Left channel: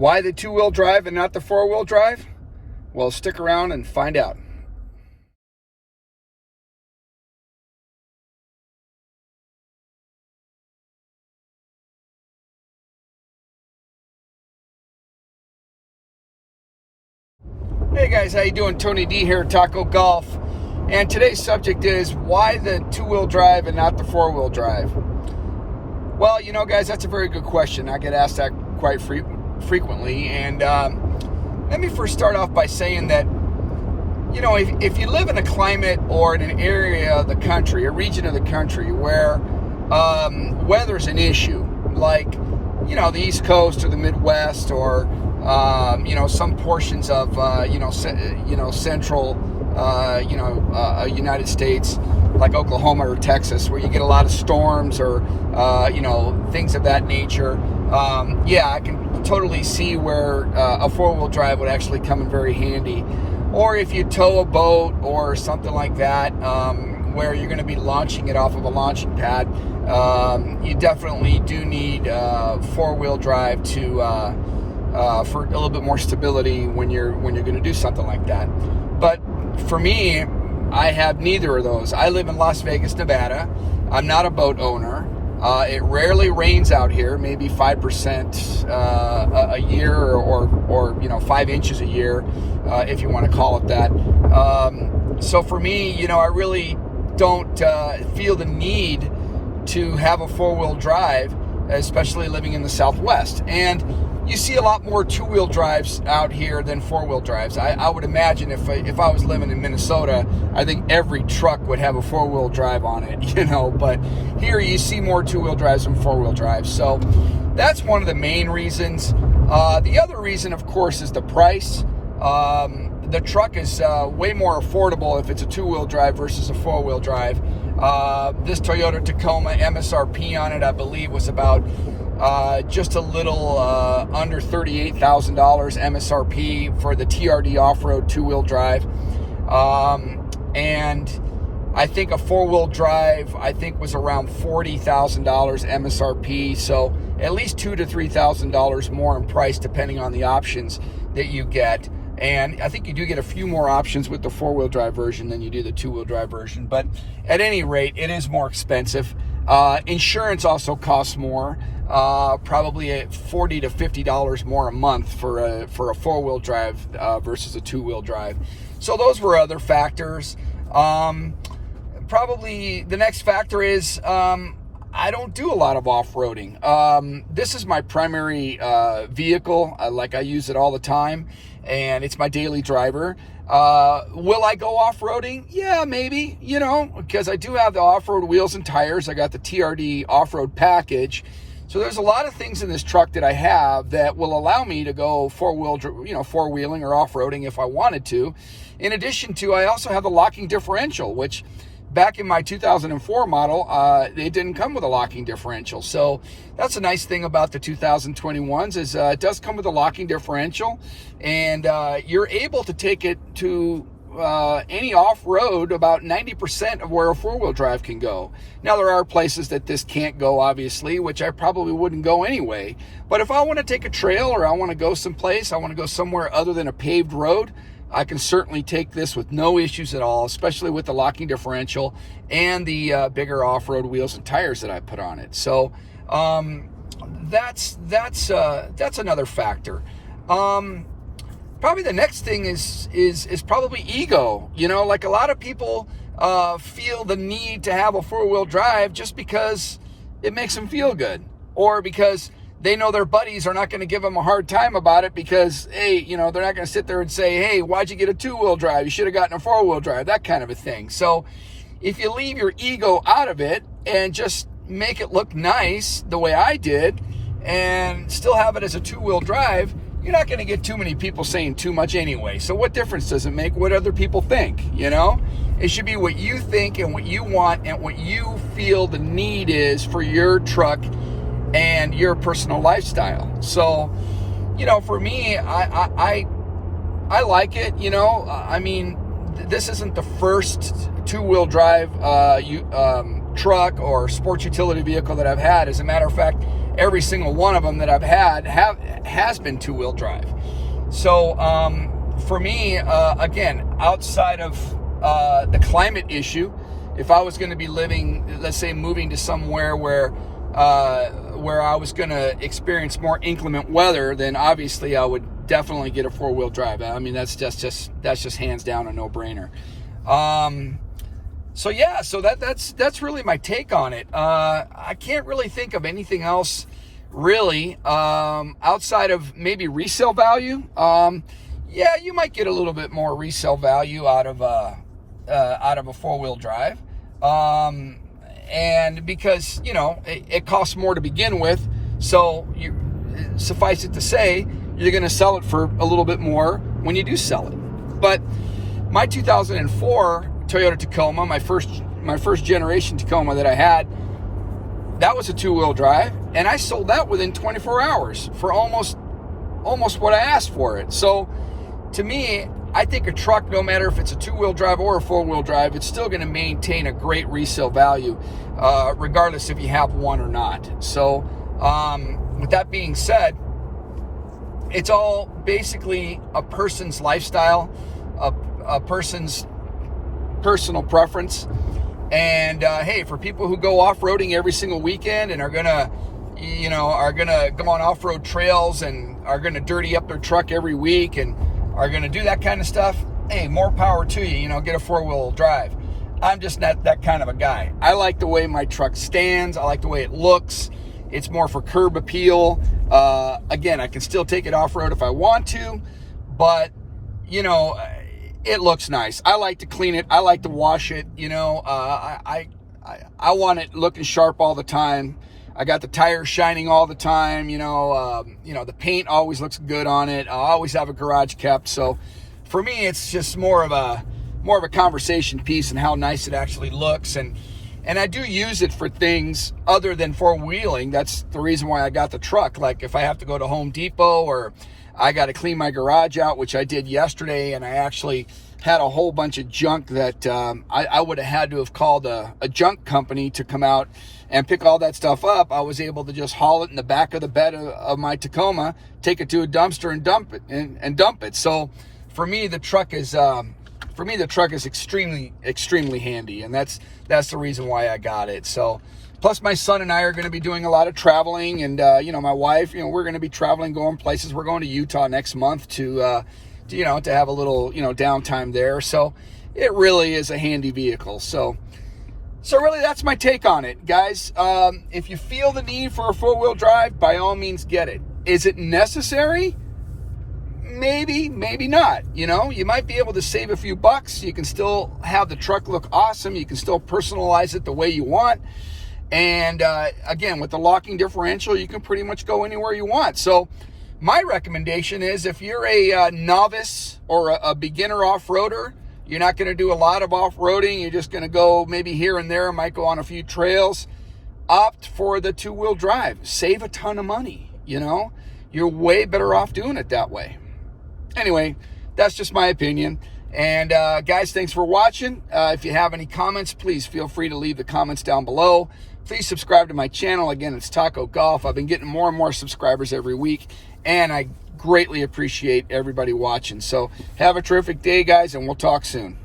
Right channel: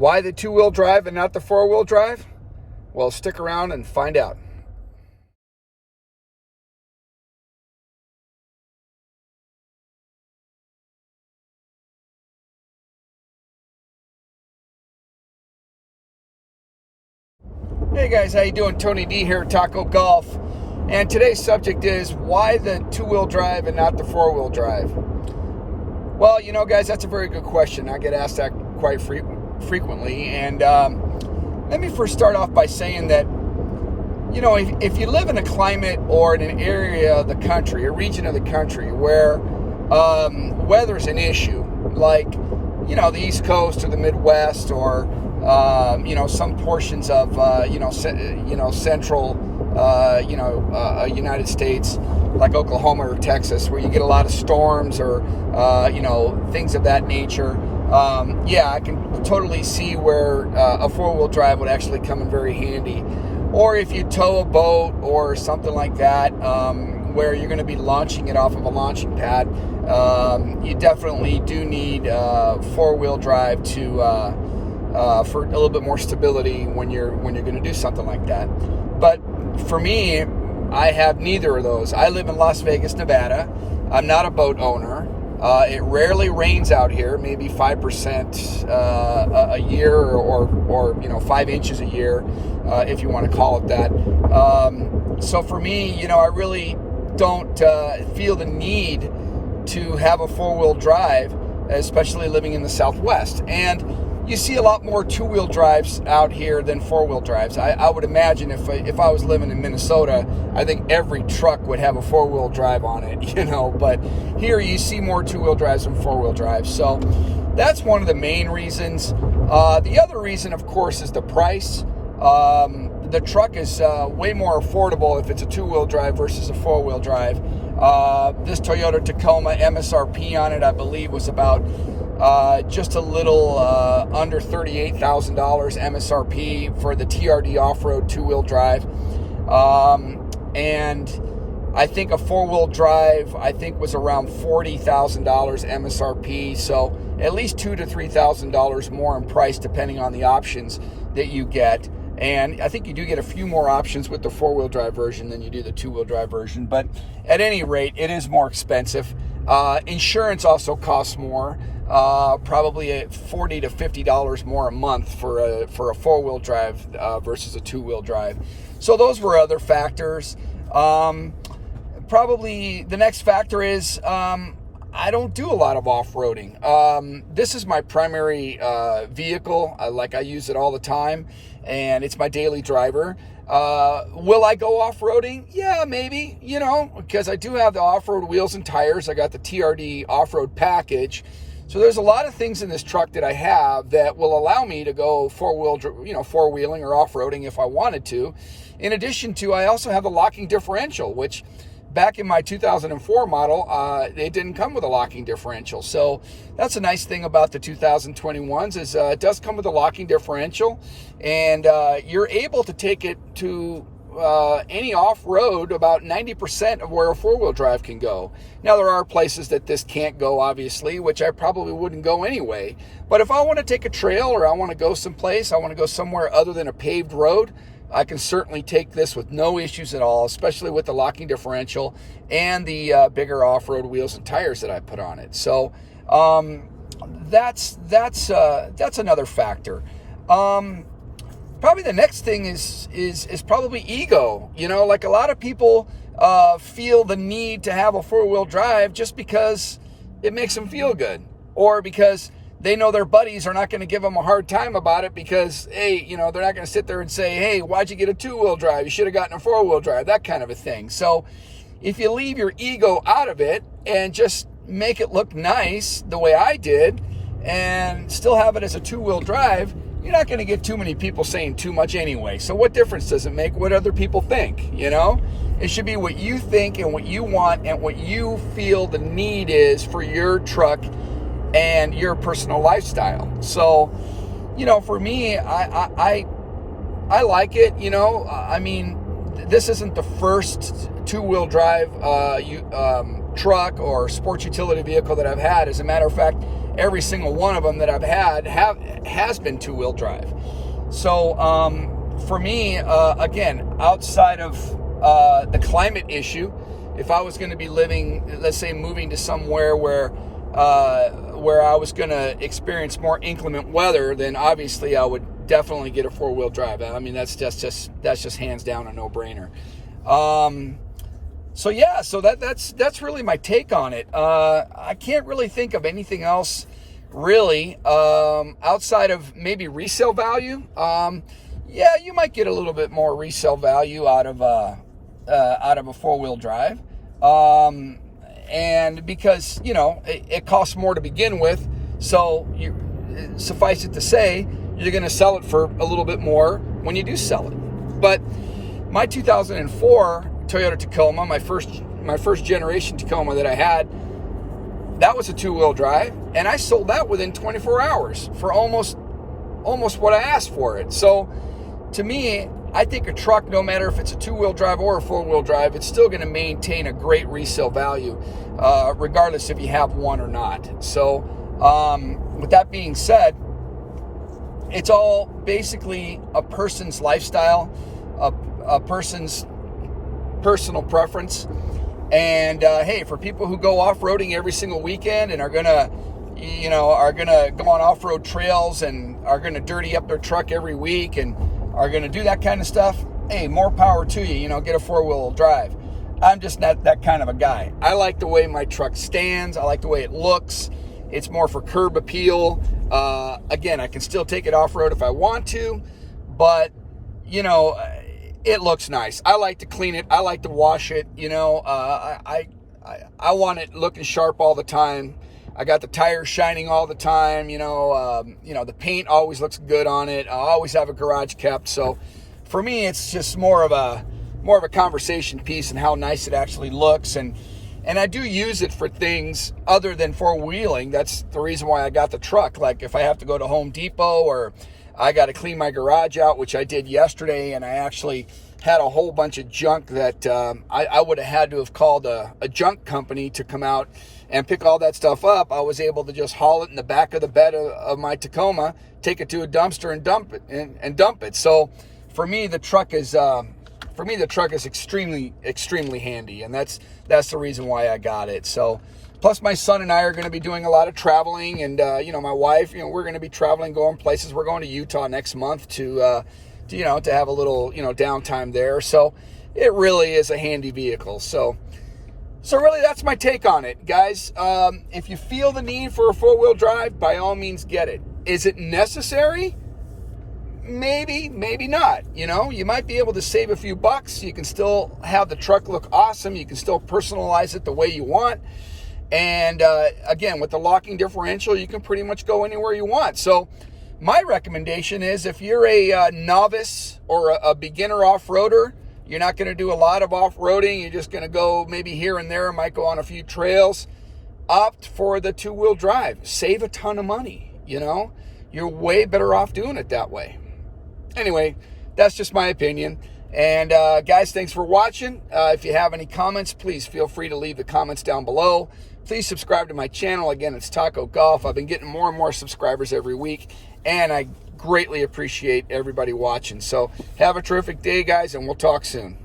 Why the two-wheel drive and not the four-wheel drive? Well, stick around and find out. Hey guys, how you doing? Tony D here, Taco Golf. And today's subject is why the two-wheel drive and not the four-wheel drive? Well, you know, guys, that's a very good question. I get asked that quite frequently. And let me first start off by saying that, you know, if you live in a climate or in an area of the country, a region of the country where weather's an issue, like, you know, the East Coast or the Midwest or you know, some portions of central United States, like Oklahoma or Texas, where you get a lot of storms or things of that nature. I can totally see where a four-wheel drive would actually come in very handy. Or if you tow a boat or something like that, where you're going to be launching it off of a launching pad, you definitely do need four-wheel drive to for a little bit more stability when you're going to do something like that. But for me, I have neither of those. I live in Las Vegas, Nevada. I'm not a boat owner. It rarely rains out here, maybe 5% a year, or 5 inches a year, if you want to call it that. So for me, you know, I really don't feel the need to have a four-wheel drive, especially living in the Southwest. And you see a lot more two-wheel drives out here than four-wheel drives. I would imagine if I was living in Minnesota, I think every truck would have a four-wheel drive on it, you know. But here you see more two-wheel drives than four-wheel drives. So that's one of the main reasons. The other reason, of course, is the price. The truck is way more affordable if it's a two-wheel drive versus a four-wheel drive. This Toyota Tacoma MSRP on it, I believe, was about just a little under $38,000 MSRP for the TRD off-road two-wheel drive. And I think a four-wheel drive, was around $40,000 MSRP. So at least $2,000 to $3,000 more in price, depending on the options that you get. And I think you do get a few more options with the four-wheel drive version than you do the two-wheel drive version. But at any rate, it is more expensive. Insurance also costs more. Probably at $40 to $50 more a month for a four-wheel drive versus a two-wheel drive. So those were other factors. Probably the next factor is I don't do a lot of off-roading. This is my primary vehicle. I use it all the time, and it's my daily driver. Will I go off-roading? Yeah, maybe, you know, because I do have the off-road wheels and tires. I got the TRD off-road package. So there's a lot of things in this truck that I have that will allow me to go four-wheeling or off-roading if I wanted to. In addition to, I also have the locking differential, which back in my 2004 model, it didn't come with a locking differential. So that's a nice thing about the 2021s is it does come with a locking differential, and you're able to take it to any off-road about 90% of where a four-wheel drive can go. Now, there are places that this can't go, obviously, which I probably wouldn't go anyway. But if I want to take a trail or I want to go someplace, I want to go somewhere other than a paved road, I can certainly take this with no issues at all, especially with the locking differential and the bigger off-road wheels and tires that I put on it. So that's another factor. Probably the next thing is probably ego. You know, like a lot of people feel the need to have a four-wheel drive just because it makes them feel good, or because they know their buddies are not going to give them a hard time about it because, hey, you know, they're not going to sit there and say, hey, why'd you get a two-wheel drive? You should have gotten a four-wheel drive, that kind of a thing. So if you leave your ego out of it and just make it look nice the way I did and still have it as a two-wheel drive, you're not going to get too many people saying too much anyway. So what difference does it make what other people think, you know? It should be what you think and what you want and what you feel the need is for your truck and your personal lifestyle. So, you know, for me, I like it, you know. I mean, this isn't the first two-wheel drive truck or sports utility vehicle that I've had. As a matter of fact, every single one of them that I've had has been two-wheel drive. So for me, again, outside of the climate issue, if I was going to be living, let's say moving to somewhere where I was going to experience more inclement weather, then obviously I would definitely get a four-wheel drive. I mean, that's just hands down a no-brainer. So yeah, so that's really my take on it. I can't really think of anything else really outside of maybe resale value. Yeah, you might get a little bit more resale value out of a four-wheel drive. And because, you know, it costs more to begin with, so suffice it to say, you're going to sell it for a little bit more when you do sell it. But my 2004 Toyota Tacoma, my first generation Tacoma that I had, that was a two-wheel drive, and I sold that within 24 hours for almost what I asked for it. So to me, I think a truck, no matter if it's a two-wheel drive or a four-wheel drive, it's still going to maintain a great resale value, regardless if you have one or not. So with that being said, it's all basically a person's lifestyle, a person's personal preference. And hey, for people who go off-roading every single weekend and are gonna go on off-road trails and are gonna dirty up their truck every week and are gonna do that kind of stuff, hey, more power to you. You know, get a four-wheel drive. I'm just not that kind of a guy. I like the way my truck stands. I like the way it looks. It's more for curb appeal. Again, I can still take it off-road if I want to, but you know, it looks nice. I like to clean it. I like to wash it. You know, I want it looking sharp all the time. I got the tires shining all the time. You know, the paint always looks good on it. I always have a garage kept. So for me, it's just more of a conversation piece and how nice it actually looks. And I do use it for things other than four-wheeling. That's the reason why I got the truck. Like if I have to go to Home Depot or I got to clean my garage out, which I did yesterday, and I actually had a whole bunch of junk that I would have had to have called a junk company to come out and pick all that stuff up. I was able to just haul it in the back of the bed of my Tacoma, take it to a dumpster and dump it. So for me, the truck is extremely handy, and that's the reason why I got it. So plus my son and I are going to be doing a lot of traveling, and my wife, we're going to be traveling, going places. We're going to Utah next month to have a little downtime there. So it really is a handy vehicle. So really, that's my take on it, guys. If you feel the need for a four-wheel drive, by all means get it. Is it necessary? Maybe not. You might be able to save a few bucks. You can still have the truck look awesome. You can still personalize it the way you want. And again, with the locking differential, you can pretty much go anywhere you want. So my recommendation is if you're a novice or a beginner off-roader, you're not going to do a lot of off-roading, you're just going to go maybe here and there, might go on a few trails, opt for the two-wheel drive. Save a ton of money, You're way better off doing it that way. Anyway, that's just my opinion. And guys, thanks for watching. If you have any comments, please feel free to leave the comments down below. Please subscribe to my channel. Again, it's Taco Golf. I've been getting more and more subscribers every week, and I greatly appreciate everybody watching. So have a terrific day, guys, and we'll talk soon.